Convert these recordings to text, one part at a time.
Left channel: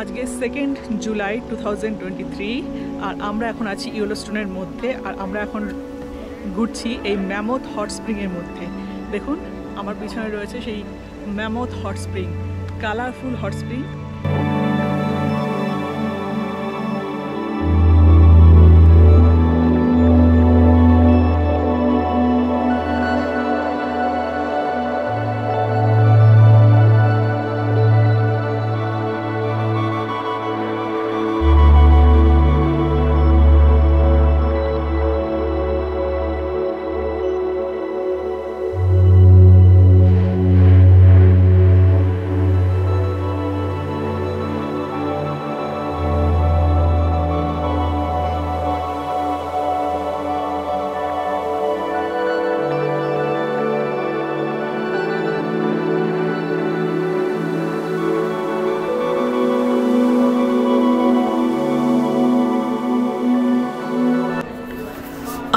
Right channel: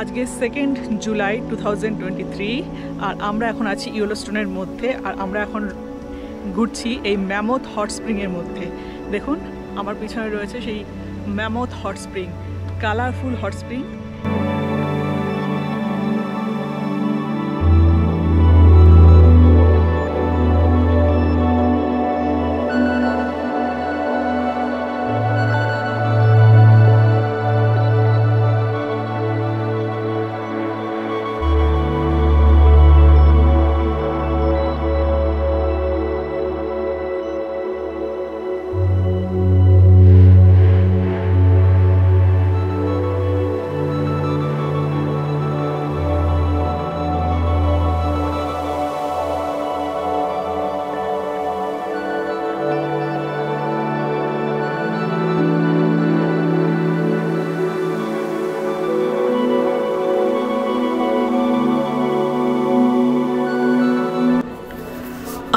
আজকে 2nd জুলাই 2023 আর আমরা এখন আছি ইয়েলোস্টোনের মধ্যে আর আমরা এখন ঘুরছি এই ম্যামথ হট স্প্রিংয়ের মধ্যে। দেখুন আমার পিছনে রয়েছে সেই mammoth hot spring, colourful hot spring.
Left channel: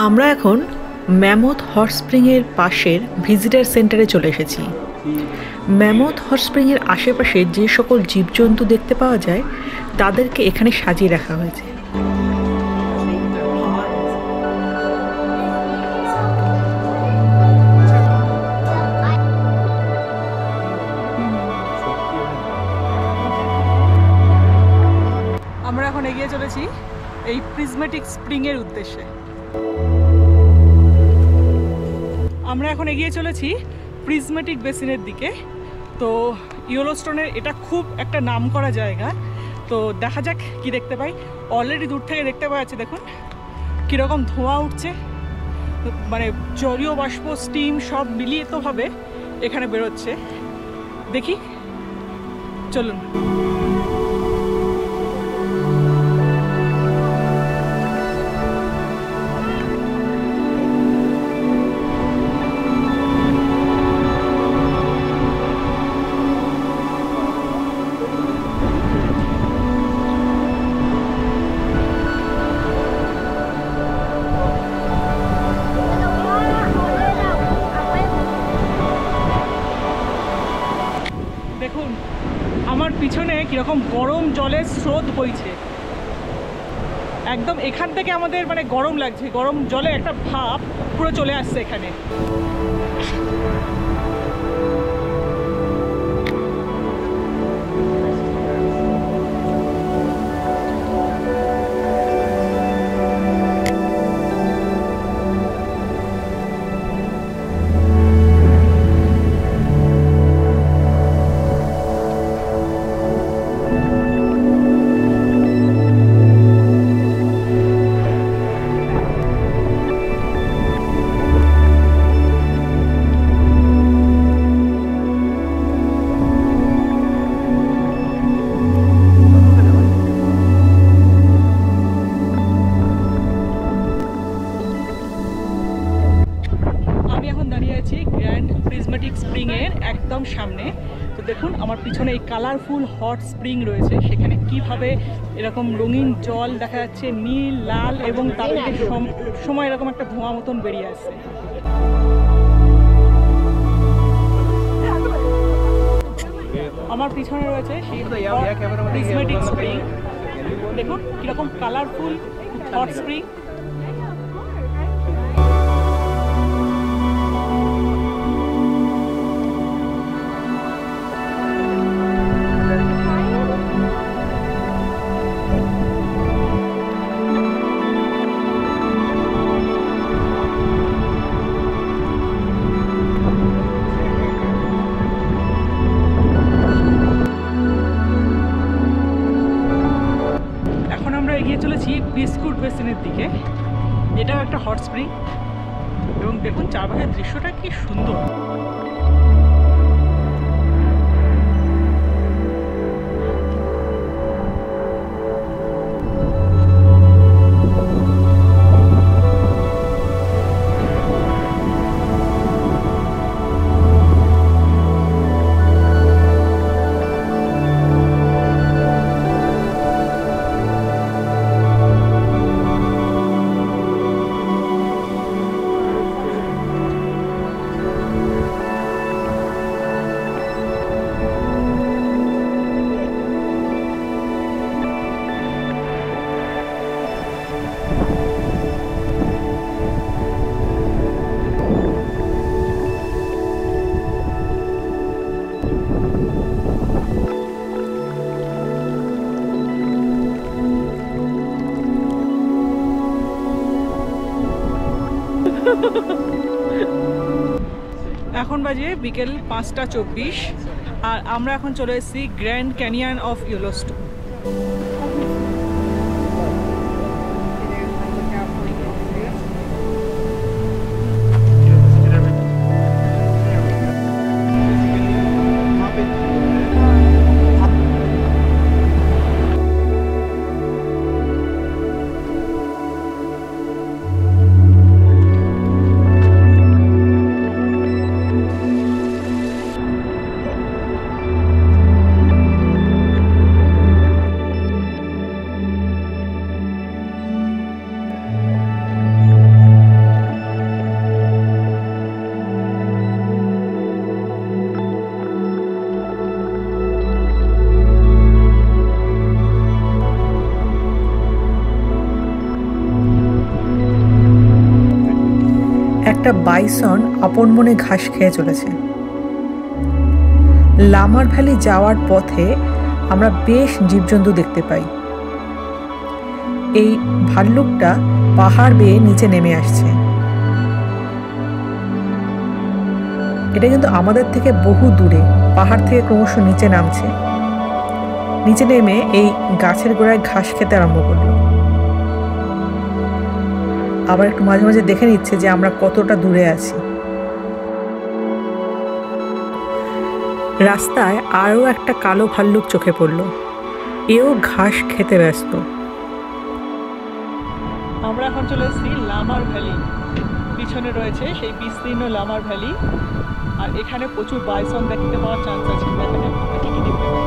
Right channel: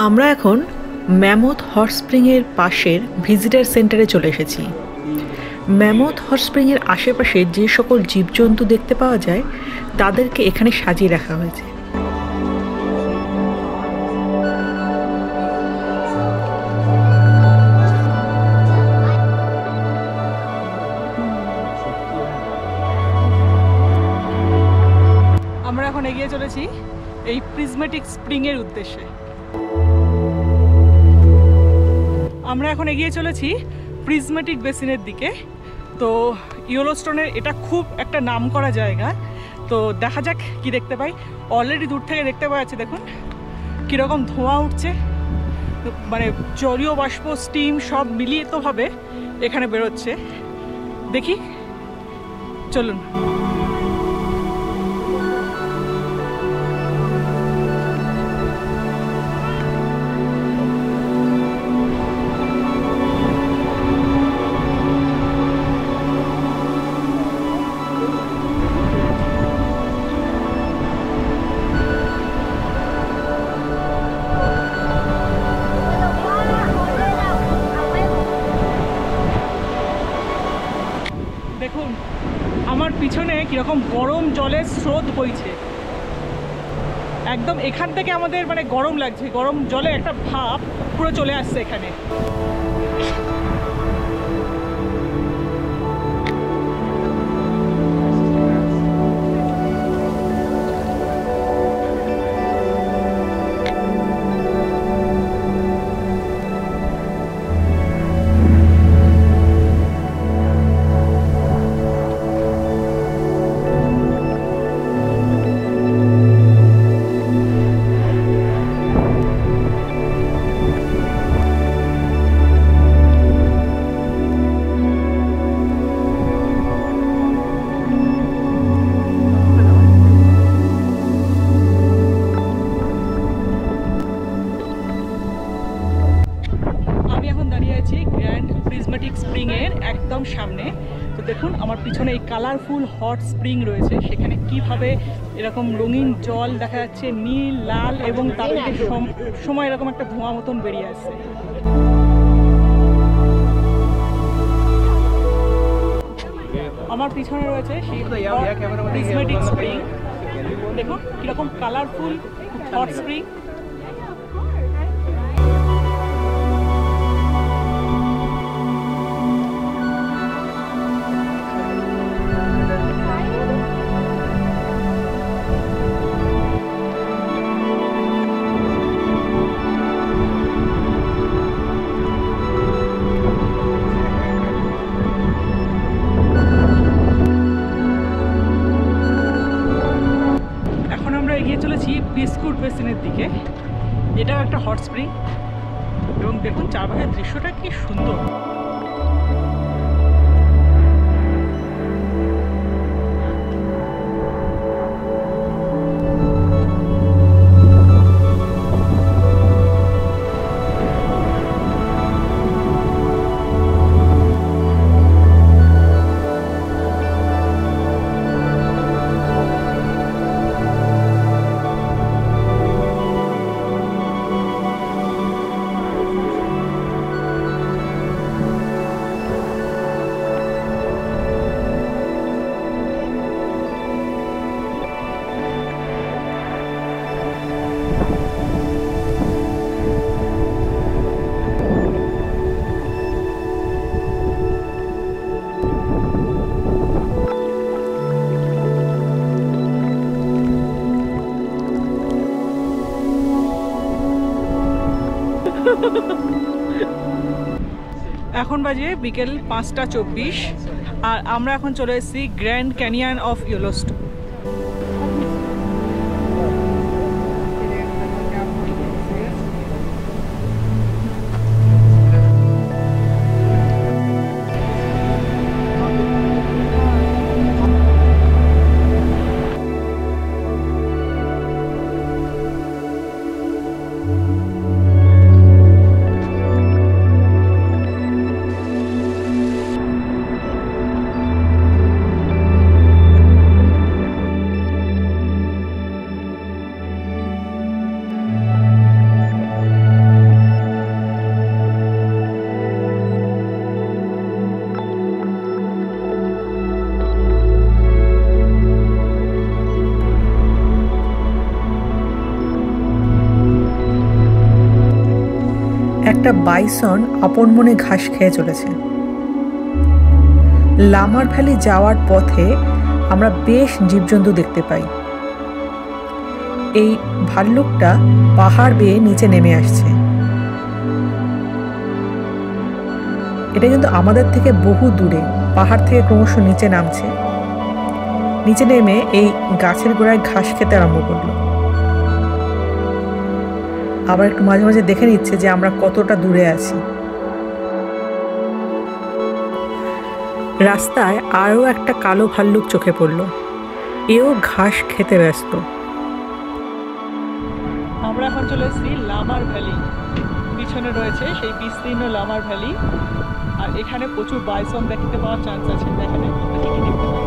আমরা এখন ম্যামথ হট স্প্রিংয়ের পাশের ভিজিটার সেন্টারে চলে এসেছি। ম্যামথ হট স্প্রিংয়ের আশেপাশে যে সকল জীবজন্তু দেখতে পাওয়া যায় তাদেরকে এখানে সাজিয়ে রাখা হয়েছে। আমরা এখন এগিয়ে চলেছি এই প্রিজমেটিক স্প্রিংয়ের উদ্দেশ্যে। আমরা এখন এগিয়ে চলেছি প্রিজমেটিক বেসিনের দিকে। তো ইয়েলোস্টোনের এটা খুব একটা নামকরা জায়গা, তো দেখা যাক কি দেখতে পাই। অলরেডি দূর থেকে দেখতে পাওয়া যাচ্ছে, দেখুন কীরকম ধোঁয়া উঠছে, মানে জলীয় বাষ্প, স্টিম সব মিলিতভাবে এখানে বেরোচ্ছে। দেখি, চলুন। দেখুন আমার পিছনে কীরকম গরম জলের স্রোত বইছে, একদম এখান থেকে আমাদের মানে গরম লাগছে, গরম জলে একটা ভাপ পুরো চলে আসছে এখানে। গ্র্যান্ড প্রিজমেটিক স্প্রিংয়ের একদম সামনে। তো দেখুন আমার পিছনে এই কালারফুল হট স্প্রিং রয়েছে, সেখানে কিভাবে এরকম রঙিন জল দেখা যাচ্ছে, নীল, লাল, এবং তার থেকে সময় এরকম একটা ধোঁয়া মতন বেরিয়ে আসছে। আমার পিছনে রয়েছে সেই প্রিজমেটিক স্প্রিং। দেখুন কীরকম কালারফুল হট স্প্রিং। এখন আমরা এগিয়ে চলেছি বিস্কুট বেসিনের দিকে। এটাও একটা হট স্প্রিং এবং দেখুন চারপাশের দৃশ্যটা কি সুন্দর। এখন বাজে বিকেল 5:24 আর আমরা এখন চলে এসেছি গ্র্যান্ড ক্যানিয়ন অফ ইয়েলোস্টোন। একটা বাইসন আপন মনে ঘাস খেয়ে চলেছে। লামার ভ্যালি যাওয়ার পথে আমরা বেশ জীবজন্তু দেখতে পাই। এই ভাল্লুকটা পাহাড় বেয়ে নিচে নেমে আসছে। এটা কিন্তু আমাদের থেকে বহু দূরে, পাহাড় থেকে ক্রমশ নিচে নামছে। নিচে নেমে এই গাছের গোড়ায় ঘাস খেতে আরম্ভ করলো। আবার একটু মাঝে মাঝে দেখে নিচ্ছে যে আমরা কতটা দূরে আছি। রাস্তায় আরও একটা কালো ভাল্লুক চোখে পড়ল। এও ঘাস খেতে ব্যস্ত। আমরা এখন চলে এসেছি লামার ভ্যালি। পিছনে রয়েছে সেই বিস্তীর্ণ লামার ভ্যালি, আর এখানে প্রচুর বাইসন দেখতে পাওয়ার চান্স আছে। দেখা যাক আমরা কি কি দেখতে পাই।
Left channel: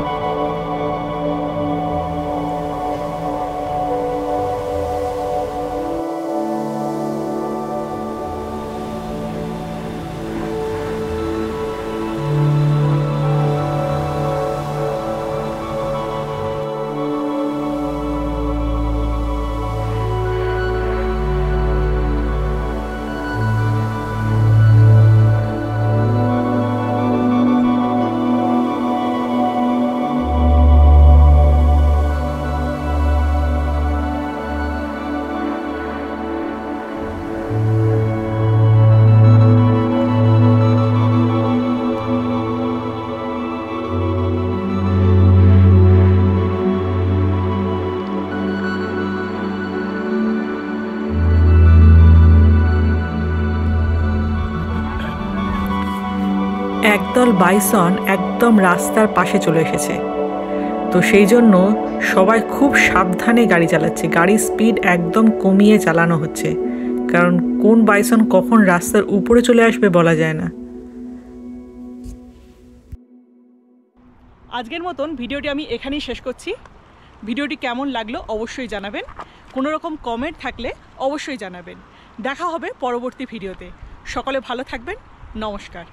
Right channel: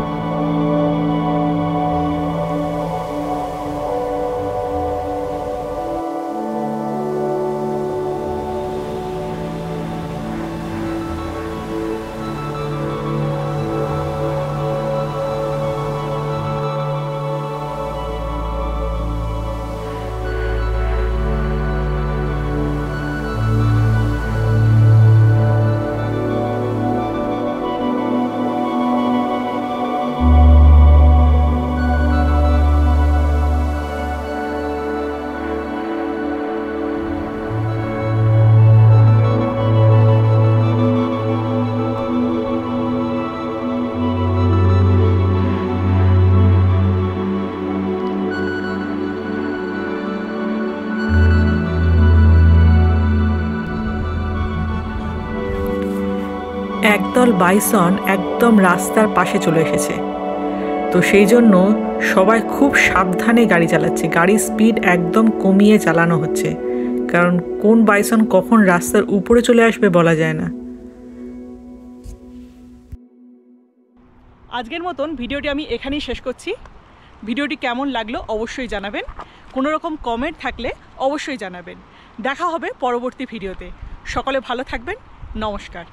একদল বাইসন একদম রাস্তার পাশে চলে এসেছে। তো সেই জন্য সবাই খুব সাবধানে গাড়ি চালাচ্ছে। গাড়ির স্পিড একদম কমিয়ে চালানো হচ্ছে, কারণ কোন বাইসন কখন রাস্তার উপরে চলে আসবে বলা যায় না। আজকের মতন ভিডিওটি আমি এখানেই শেষ করছি। ভিডিওটি কেমন লাগলো অবশ্যই জানাবেন। কোনো রকম কমেন্ট থাকলে অবশ্যই জানাবেন। দেখা হবে পরবর্তী ভিডিওতে। সকলে ভালো থাকবেন। নমস্কার।